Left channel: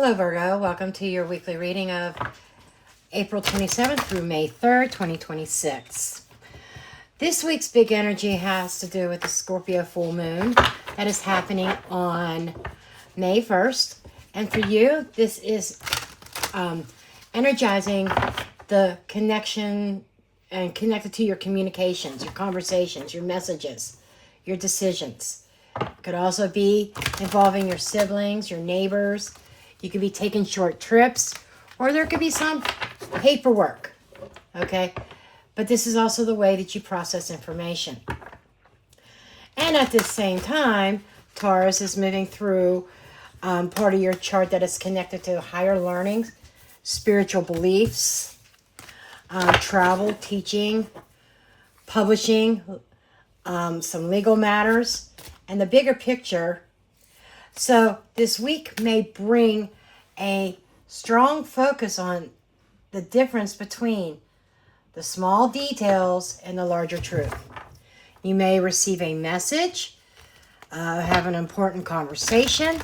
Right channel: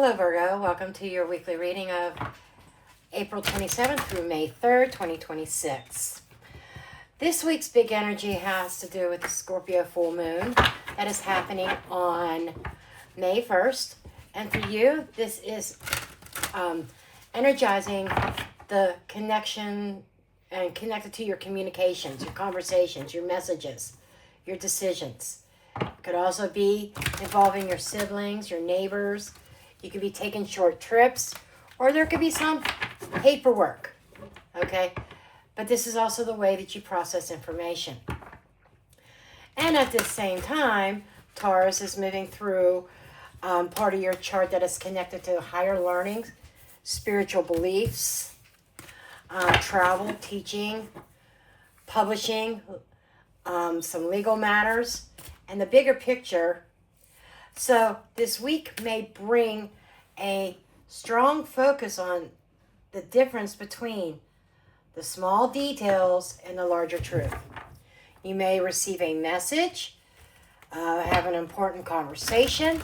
Hello Virgo, welcome to your weekly reading of April 27th through May 3rd, 2026. This week's big energy has to do with the Scorpio Full Moon that is happening on May 1st. And for you, this is energizing the connection and connected to your communications, your conversations, your messages, your decisions. It could also be involving your siblings, your neighbors. You could be taking short trips, or there could be some paperwork, okay? But this is also the way that you process information. And at the same time, Taurus is moving through part of your chart that is connected to higher learning, spiritual beliefs, travel, teaching, publishing, some legal matters, and the bigger picture. So this week may bring a strong focus on the difference between the small details and the larger truth. You may receive a message, have an important conversation.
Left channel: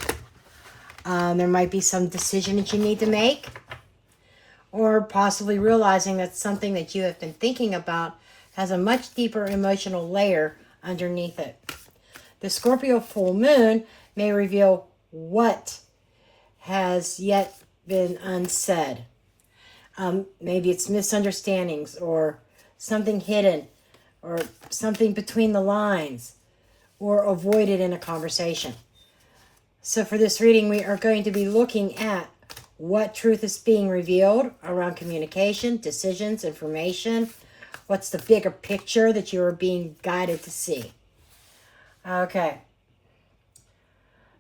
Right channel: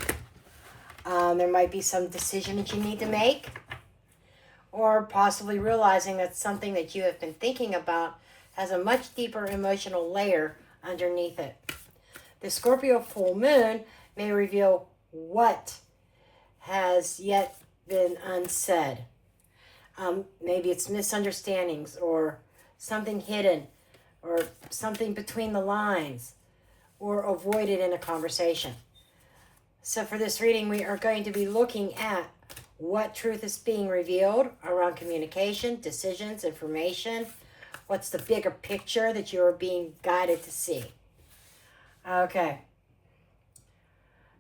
There might be some decision that you need to make, or possibly realizing that something that you have been thinking about has a much deeper emotional layer underneath it. The Scorpio Full Moon may reveal what has yet been unsaid. Maybe it's misunderstandings or something hidden or something between the lines or avoided in a conversation. So for this reading, we are going to be looking at what truth is being revealed around communication, decisions, information. What's the bigger picture that you are being guided to see? Okay.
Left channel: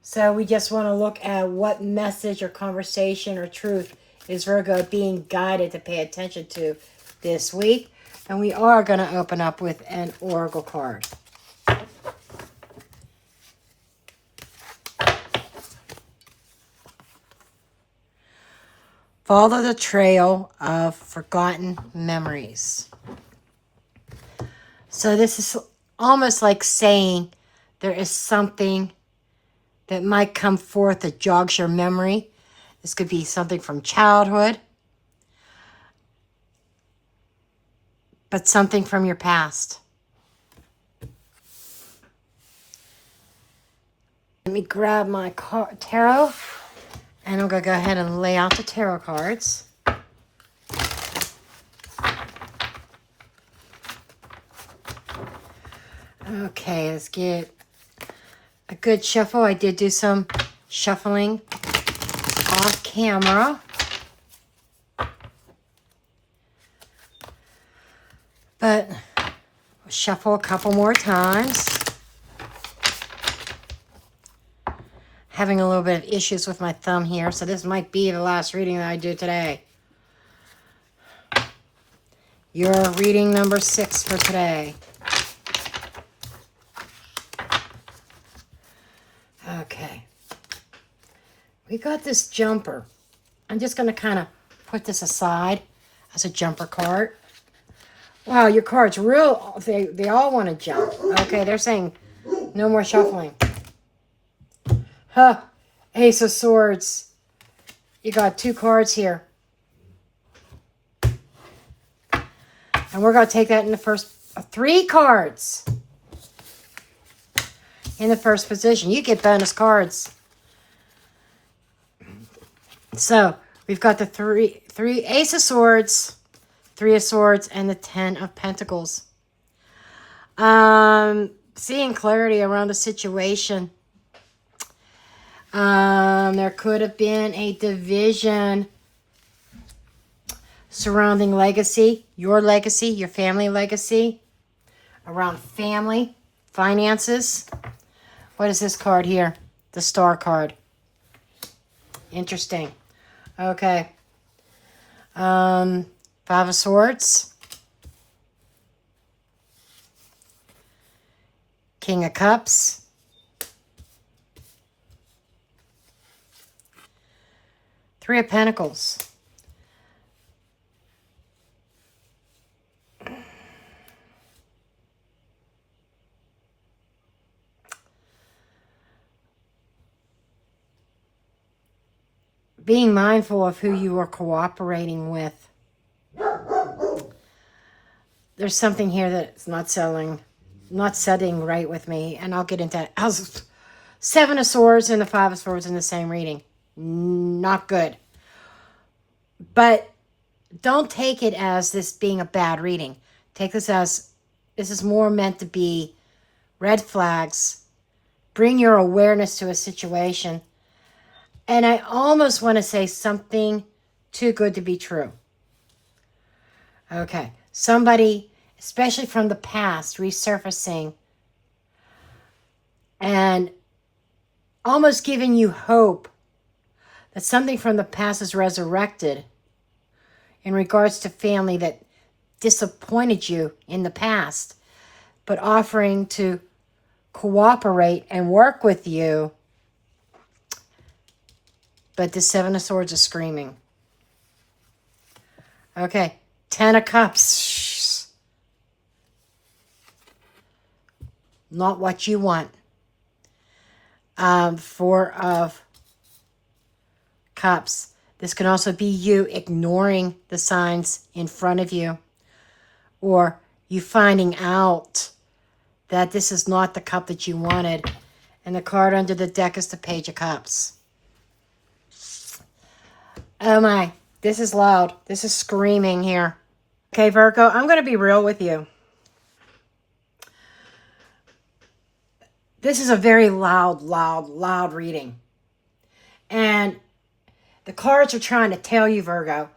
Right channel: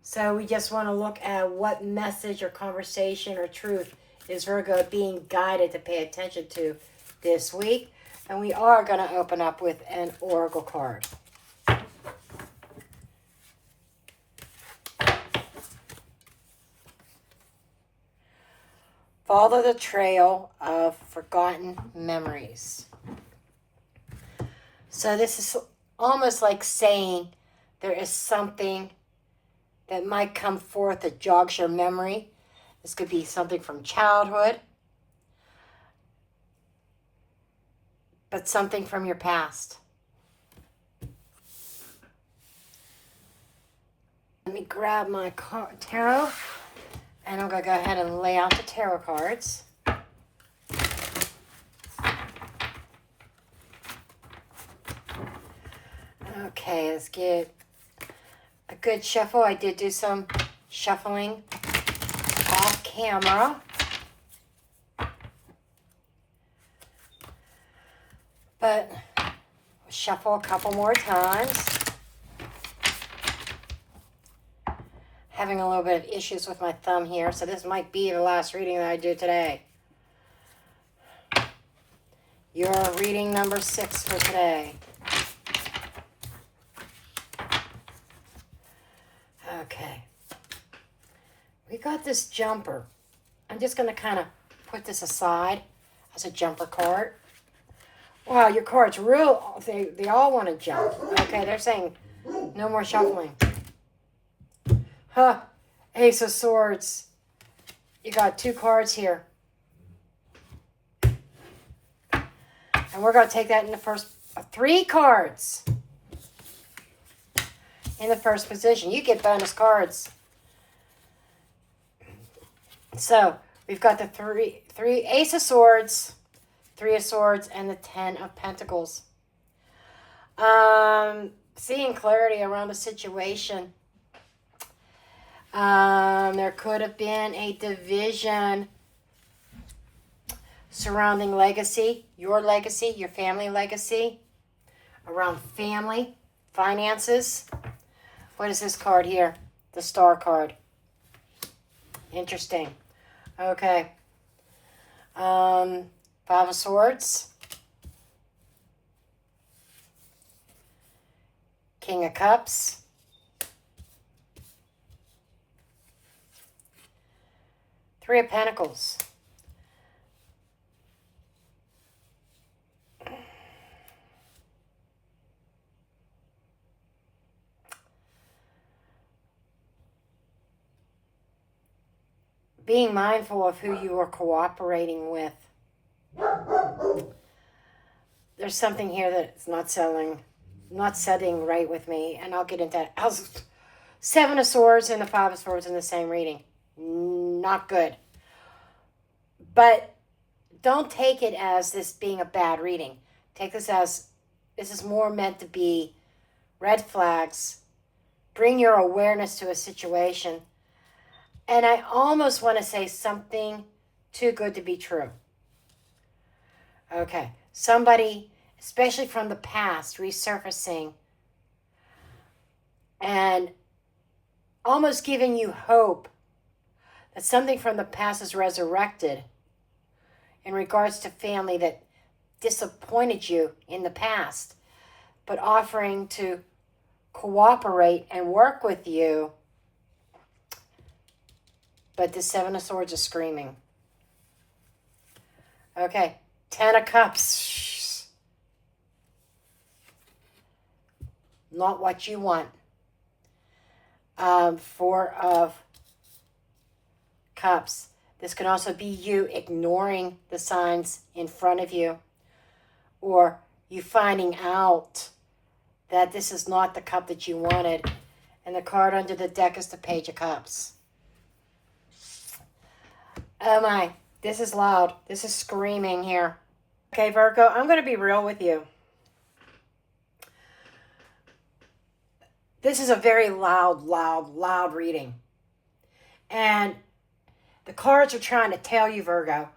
So we just want to look at what message or conversation or truth is Virgo being guided to pay attention to this week. And we are going to open up with an oracle card. Follow the trail of forgotten memories. So this is almost like saying there is something that might come forth that jogs your memory. This could be something from childhood, but something from your past. Let me grab my tarot, and I'm going to go ahead and lay out the tarot cards. Okay, let's get a good shuffle. I did do some shuffling off camera. But shuffle a couple more times. Having a little bit of issues with my thumb here, so this might be the last reading that I do today. Your reading number 6 for today. Okay. We got this jumper. I'm just going to kind of put this aside as a jumper card. Wow, your cards real, they all want to jump. Okay, they're saying no more shuffling. Huh, Ace of Swords. You got 2 cards here. And we're going to take that in the first 3 cards. In the first position. You get bonus cards. So, we've got the three Ace of Swords, 3 of Swords, and the 10 of Pentacles. Seeing clarity around the situation. There could have been a division surrounding legacy, your family legacy, around family, finances. What is this card here? The Star card. Interesting. Okay. 5 of Swords. King of Cups. Three of Pentacles. being mindful of who you are cooperating with. There's something here that's not setting right with me, and I'll get into that. I was Seven of Swords and the Five of Swords in the same reading. Not good. But don't take it as this being a bad reading. Take this as this is more meant to be red flags. Bring your awareness to a situation. And I almost want to say something too good to be true. Okay. Somebody, especially from the past, resurfacing and almost giving you hope that something from the past is resurrected in regards to family that disappointed you in the past, but offering to cooperate and work with you. But the Seven of Swords is screaming. Okay, Ten of Cups. Not what you want. Four of Cups. This can also be you ignoring the signs in front of you, or you finding out that this is not the cup that you wanted. And the card under the deck is the Page of Cups. Oh my, this is loud. This is screaming here. Okay, Virgo, I'm going to be real with you. This is a very loud reading. And the cards are trying to tell you, Virgo,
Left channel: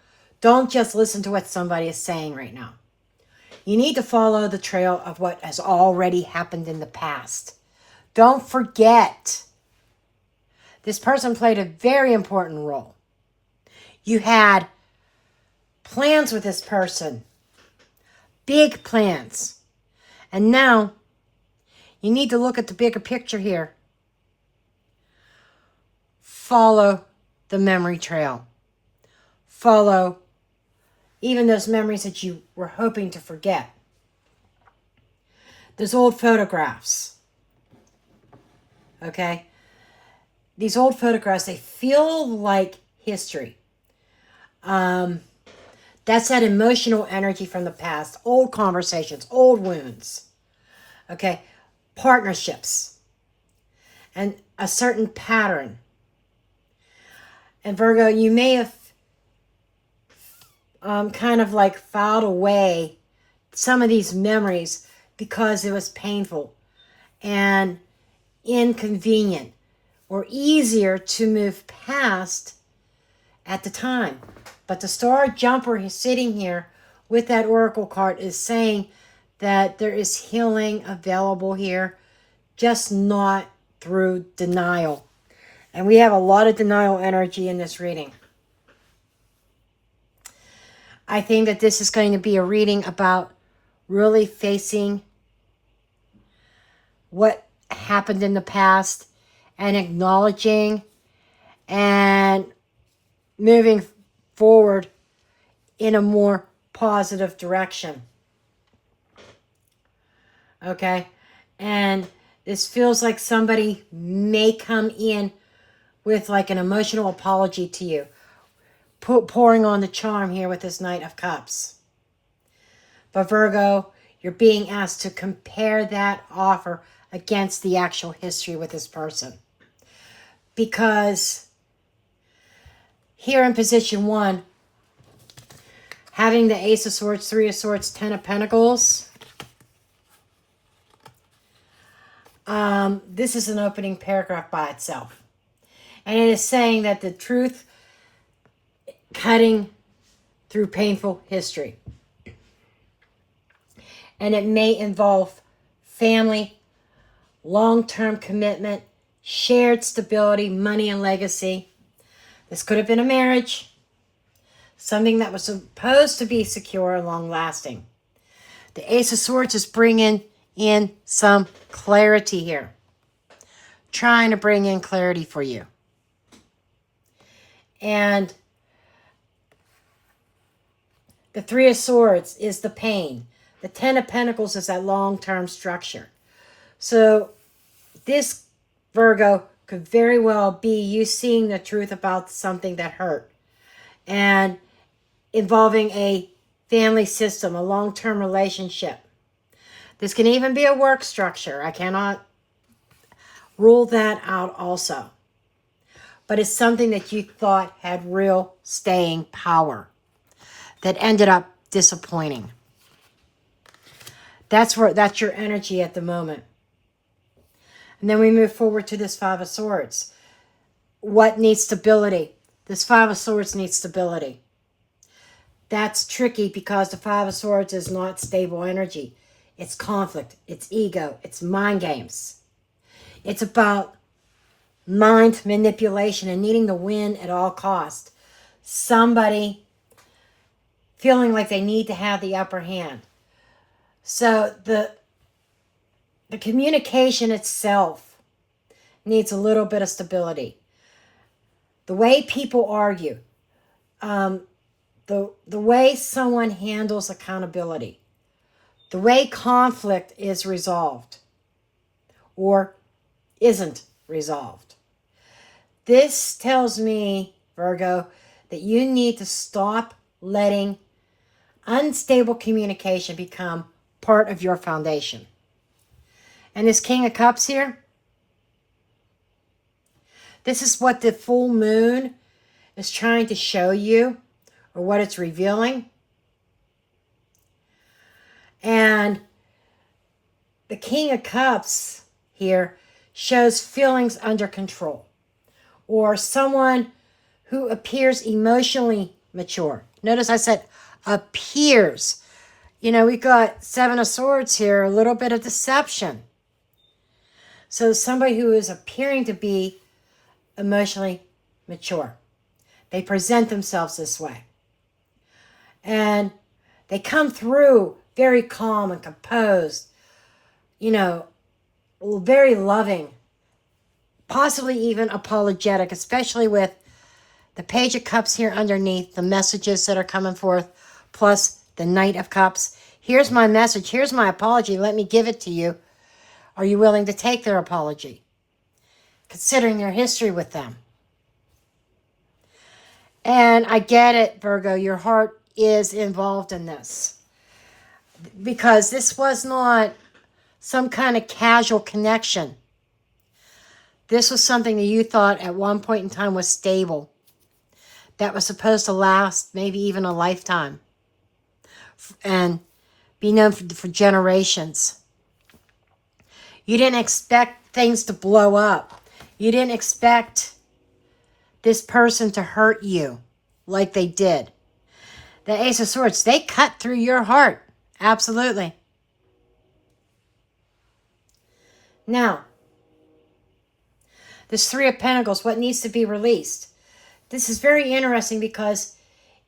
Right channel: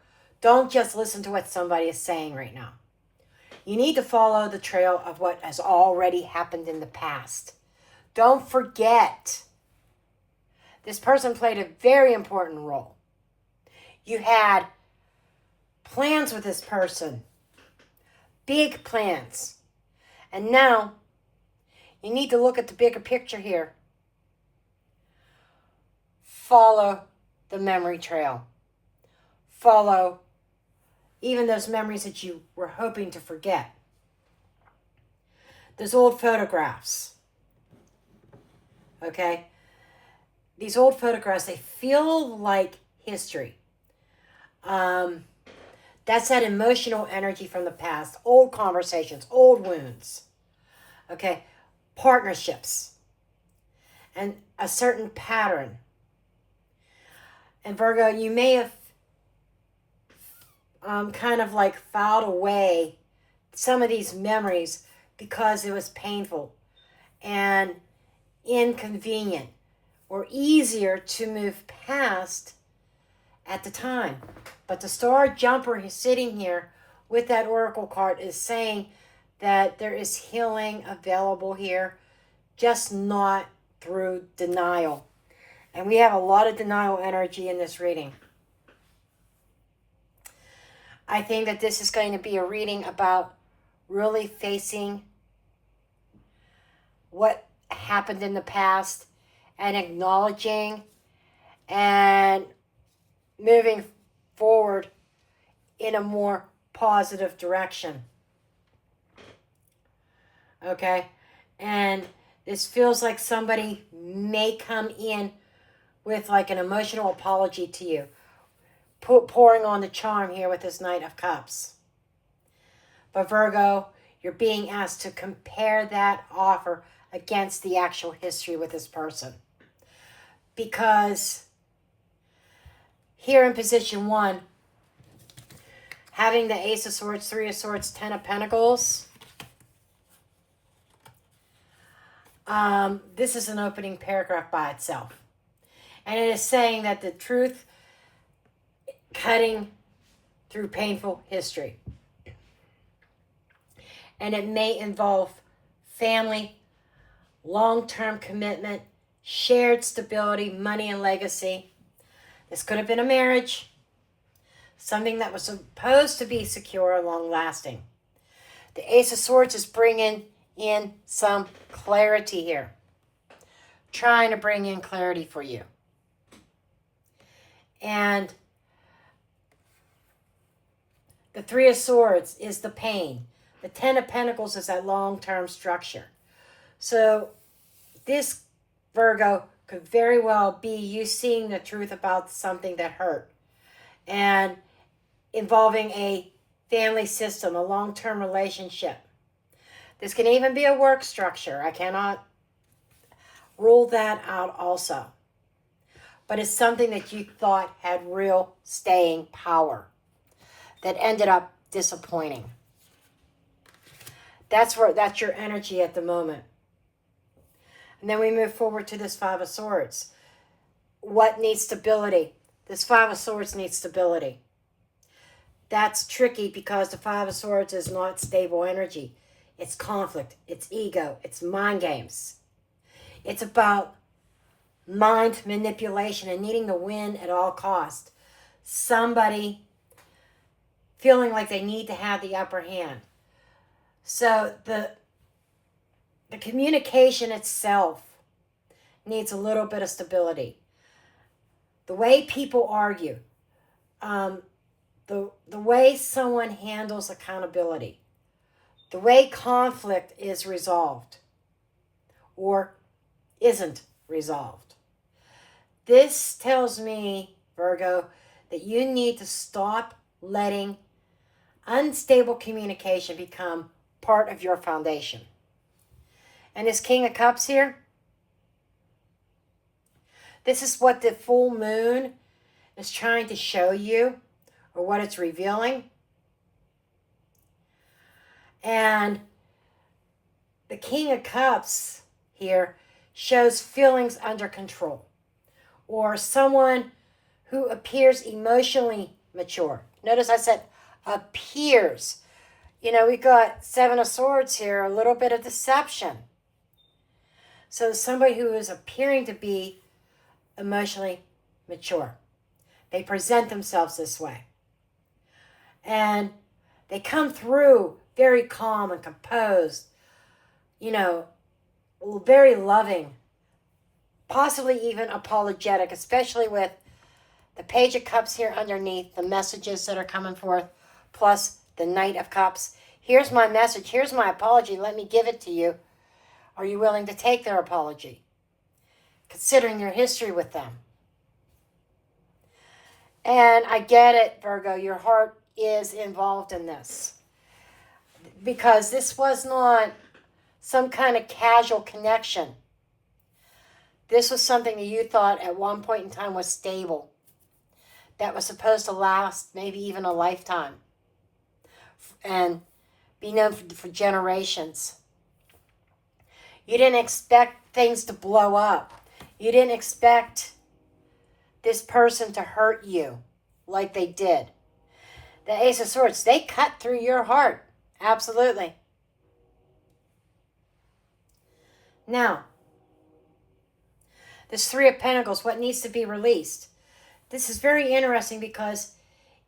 don't just listen to what somebody is saying right now. You need to follow the trail of what has already happened in the past. Don't forget, this person played a very important role. You had plans with this person, big plans. And now you need to look at the bigger picture here. Follow the memory trail. Follow even those memories that you were hoping to forget. Those old photographs. Okay? These old photographs, they feel like history. That's that emotional energy from the past. Old conversations, old wounds. Okay? Partnerships. And a certain pattern. And Virgo, you may have kind of like filed away some of these memories because it was painful and inconvenient or easier to move past at the time. But the Star Jumper is sitting here with that Oracle card is saying that there is healing available here, just not through denial. And we have a lot of denial energy in this reading. I think that this is going to be a reading about really facing what happened in the past and acknowledging and moving forward in a more positive direction. Okay? And this feels like somebody may come in with like an emotional apology to you. Pouring on the charm here with this Knight of Cups. But Virgo, you're being asked to compare that offer against the actual history with this person. Because here in position 1, having the Ace of Swords, Three of Swords, Ten of Pentacles, this is an opening paragraph by itself. And it is saying that the truth cutting through painful history. And it may involve family, long-term commitment, shared stability, money, and legacy. This could have been a marriage, something that was supposed to be secure and long-lasting. The Ace of Swords is bringing in some clarity here. Trying to bring in clarity for you. And the Three of Swords is the pain. The Ten of Pentacles is that long-term structure. So this, Virgo, could very well be you seeing the truth about something that hurt and involving a family system, a long-term relationship. This can even be a work structure. I cannot rule that out also. But it's something that you thought had real staying power that ended up disappointing. That's your energy at the moment. And then we move forward to this Five of Swords. What needs stability? This Five of Swords needs stability. That's tricky because the Five of Swords is not stable energy. It's conflict. It's ego. It's mind games. It's about mind manipulation and needing to win at all costs. Somebody feeling like they need to have the upper hand. So the communication itself needs a little bit of stability. The way people argue, the way someone handles accountability, the way conflict is resolved or isn't resolved. This tells me, Virgo, that you need to stop letting unstable communication become part of your foundation. And this King of Cups here, this is what the full moon is trying to show you, or what it's revealing. And the King of Cups here shows feelings under control, or someone who appears emotionally mature. Notice I said appears. You know, we got Seven of Swords here, a little bit of deception. So somebody who is appearing to be emotionally mature. They present themselves this way. And they come through very calm and composed, you know, very loving, possibly even apologetic, especially with the Page of Cups here underneath, the messages that are coming forth, plus the Knight of Cups. Here's my message. Here's my apology. Let me give it to you. Are you willing to take their apology? Considering your history with them. And I get it, Virgo. Your heart is involved in this. Because this was not some kind of casual connection. This was something that you thought at one point in time was stable. That was supposed to last maybe even a lifetime. And be known for generations. You didn't expect things to blow up. You didn't expect this person to hurt you like they did. The Ace of Swords, they cut through your heart. Absolutely. Now, this Three of Pentacles, what needs to be released? This is very interesting because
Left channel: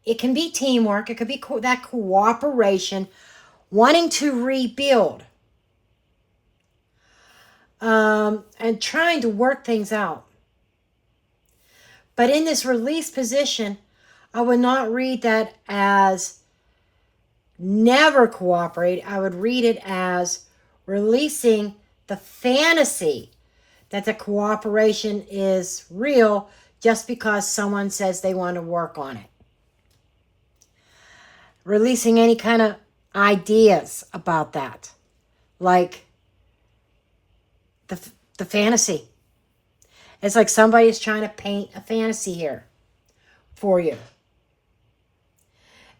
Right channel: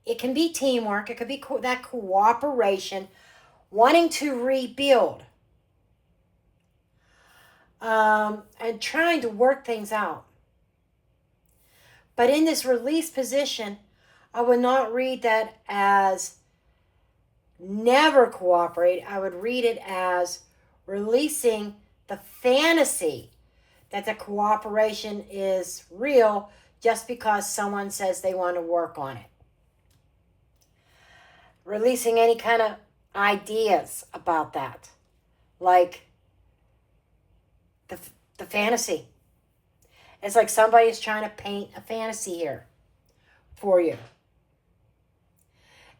it can be teamwork. It could be that cooperation, wanting to rebuild, and trying to work things out. But in this release position, I would not read that as never cooperate. I would read it as releasing the fantasy that the cooperation is real just because someone says they want to work on it. Releasing any kind of ideas about that, like the fantasy. It's like somebody is trying to paint a fantasy here for you.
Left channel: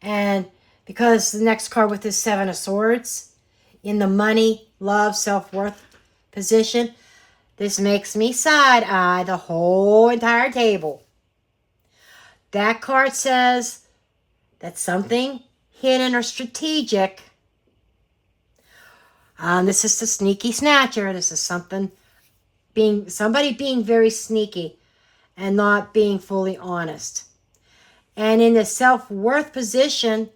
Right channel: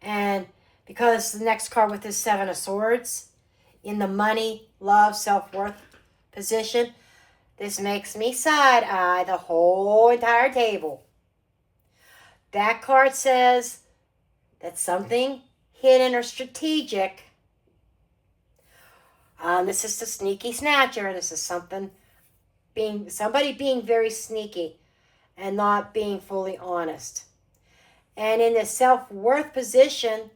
And because the next card with this Seven of Swords in the money, love, self-worth position, this makes me side-eye the whole entire table. That card says that something hidden or strategic. This is the sneaky snatcher. This is somebody being very sneaky and not being fully honest. And in the self-worth position,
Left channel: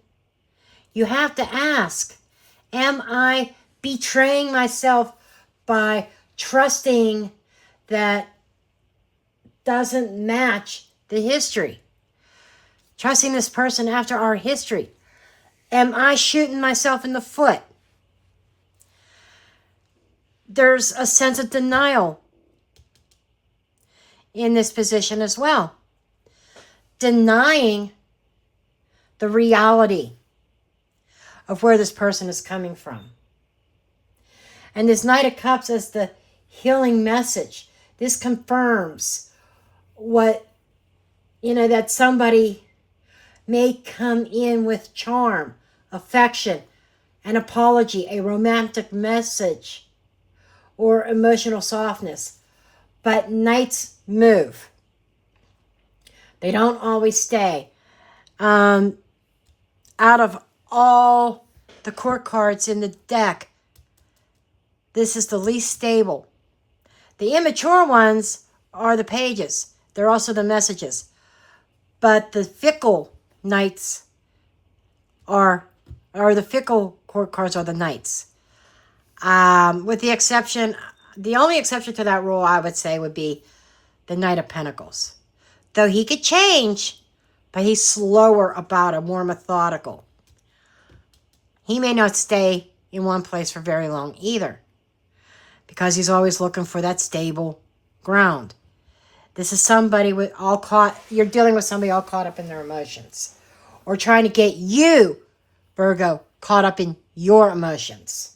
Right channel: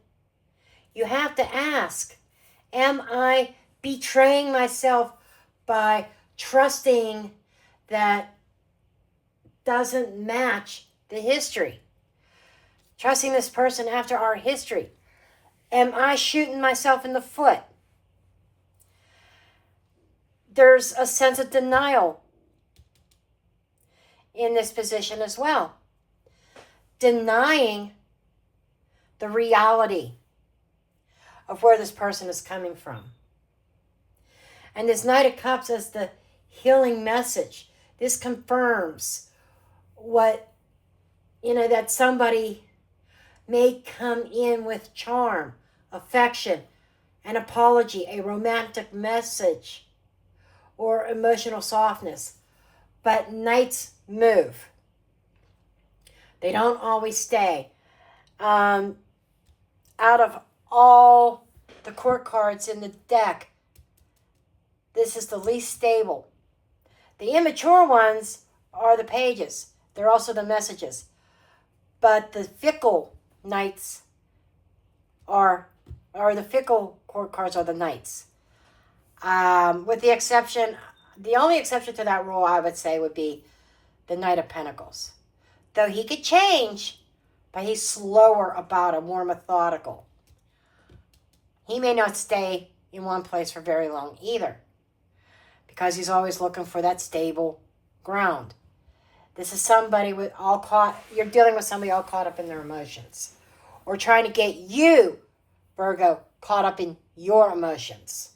you have to ask, am I betraying myself by trusting that doesn't match the history? Trusting this person after our history. Am I shooting myself in the foot? There's a sense of denial in this position as well. Denying the reality of where this person is coming from. And this Knight of Cups is the healing message. This confirms what, that somebody may come in with charm, affection, an apology, a romantic message, or emotional softness. But Knights move. They don't always stay. Out of all the court cards in the deck, this is the least stable. The immature ones are the pages. They're also the messages. But the fickle Knights or the fickle court cards are the Knights. With the exception, the only exception to that rule I would say would be the Knight of Pentacles. Though he could change, but he's slower about it, more methodical. He may not stay in one place for very long either, because he's always looking for that stable ground. This is somebody you're dealing with somebody all caught up in their emotions, or trying to get you, Virgo, caught up in your emotions.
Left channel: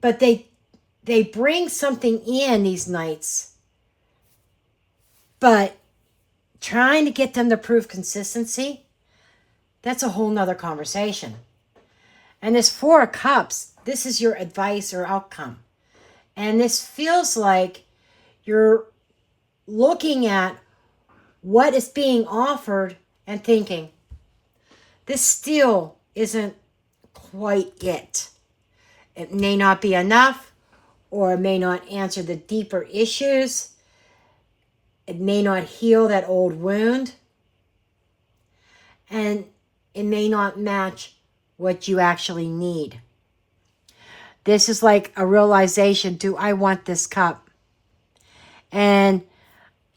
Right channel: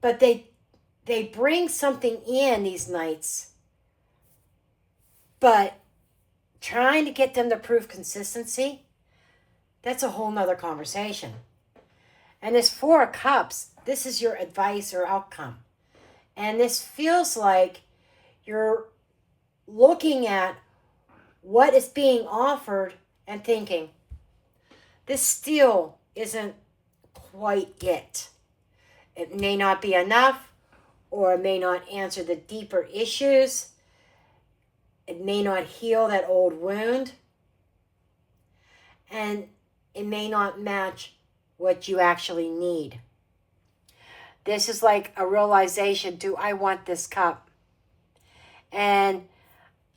But they bring something in, these Knights, but trying to get them to prove consistency, that's a whole nother conversation. And this Four of Cups, this is your advice or outcome. And this feels like you're looking at what is being offered and thinking, this still isn't quite it. It may not be enough, or it may not answer the deeper issues. It may not heal that old wound. And it may not match what you actually need. This is like a realization, do I want this cup? And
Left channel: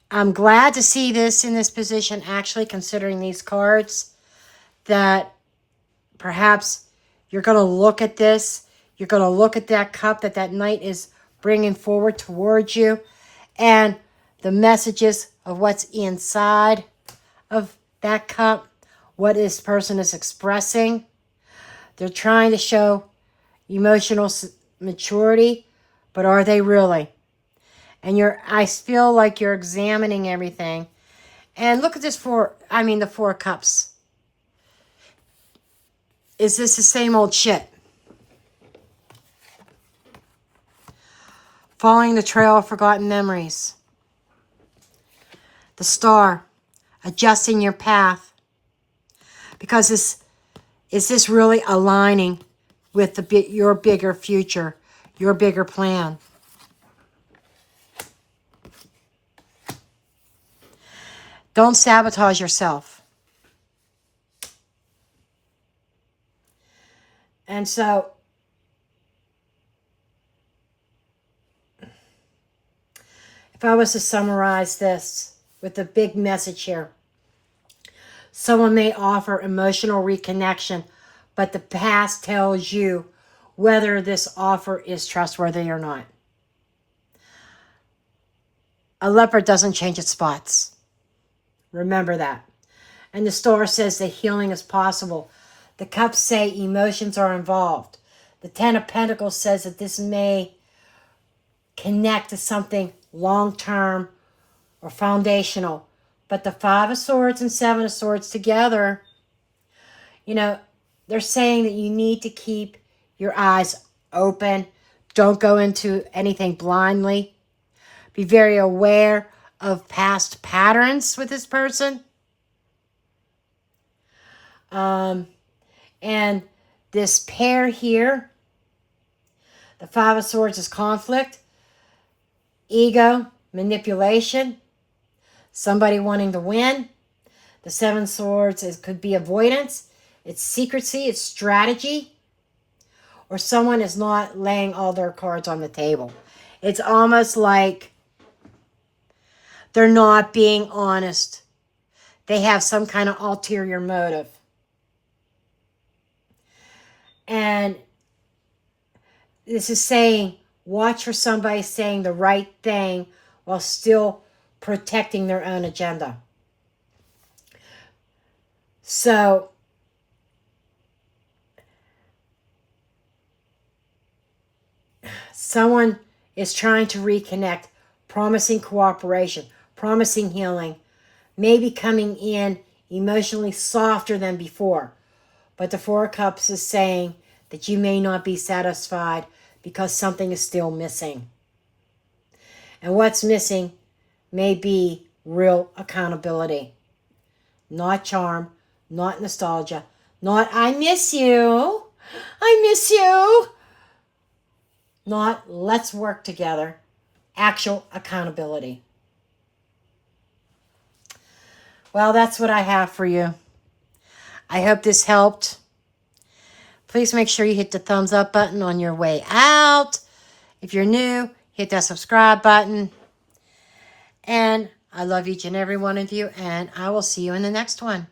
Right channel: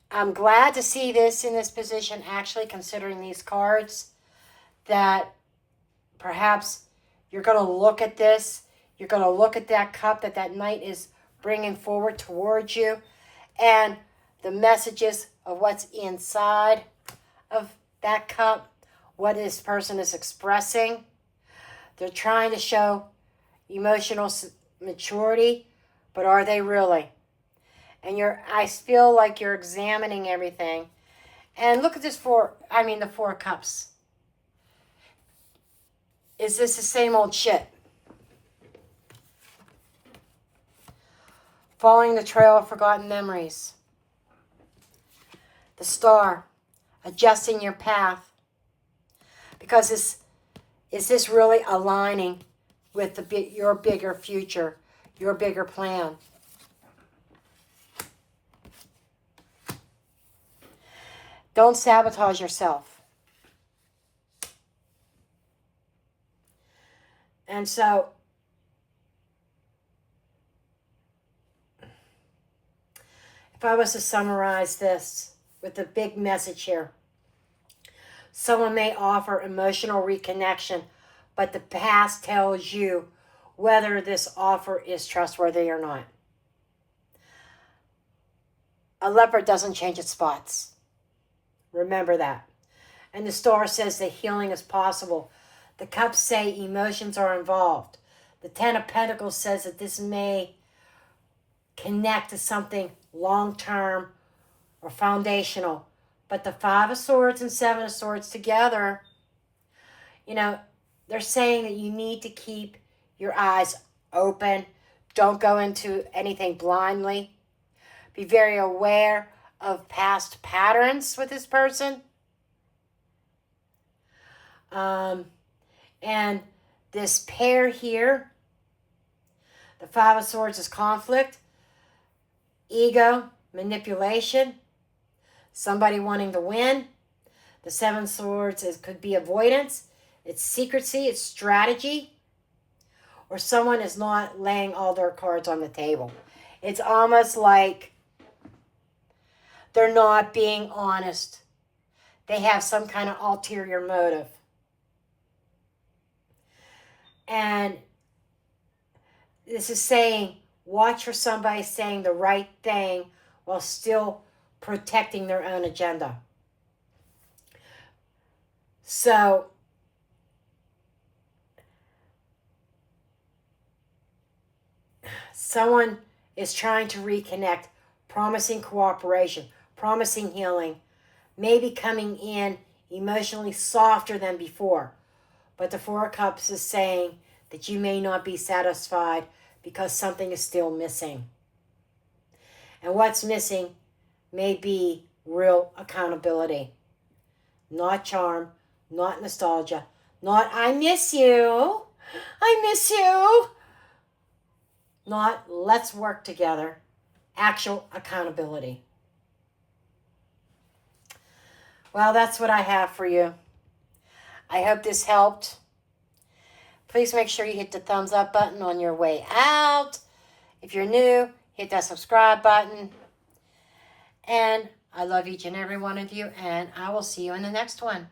I'm glad to see this in this position, actually, considering these cards, that perhaps you're going to look at this. You're going to look at that cup that Knight is bringing forward towards you, and the messages of what's inside of that cup, what this person is expressing. They're trying to show emotional maturity, but are they really? And I feel like you're examining everything. And look at this the Four of Cups. Is this the same old shit? Following the trail of forgotten memories. The Star, adjusting your path. Because is this really aligning with your bigger future, your bigger plan? Don't sabotage yourself. And so, if I was to summarize this with a big message here, someone may offer emotional reconnection, but the past tells you whether this offer is trustworthy or not. A leopard doesn't change its spots. Remember that. And the Star says that healing is possible. The Cups say emotions are involved. The Ten of Pentacles says that this may connect to something long-term or foundational. But the Five of Swords and Seven of Swords together, they're saying that you need to keep your eyes open. Don't go into anything blindly. Be very aware of past patterns with this person. And this pair here, the Five of Swords is conflict, ego, manipulation, somebody wanting to win. The Seven of Swords could be avoidance, it's secrecy, it's strategy, or someone is not laying all their cards on the table. It's almost like they're not being honest. They have some kind of ulterior motive. And This is saying, watch for somebody saying the right thing while still protecting their own agenda. So, someone is trying to reconnect, promising cooperation, promising healing, maybe coming in emotionally softer than before. But the Four of Cups is saying that you may not be satisfied because something is still missing. And what's missing may be real accountability. Not charm, not nostalgia, not I miss you, I miss you. Not let's work together. Actual accountability. Well, that's what I have for you. I hope this helped. Please make sure you hit the thumbs up button on your way out. If you're new, hit that subscribe button. And I love each and every one of you, and I will see you in the next one.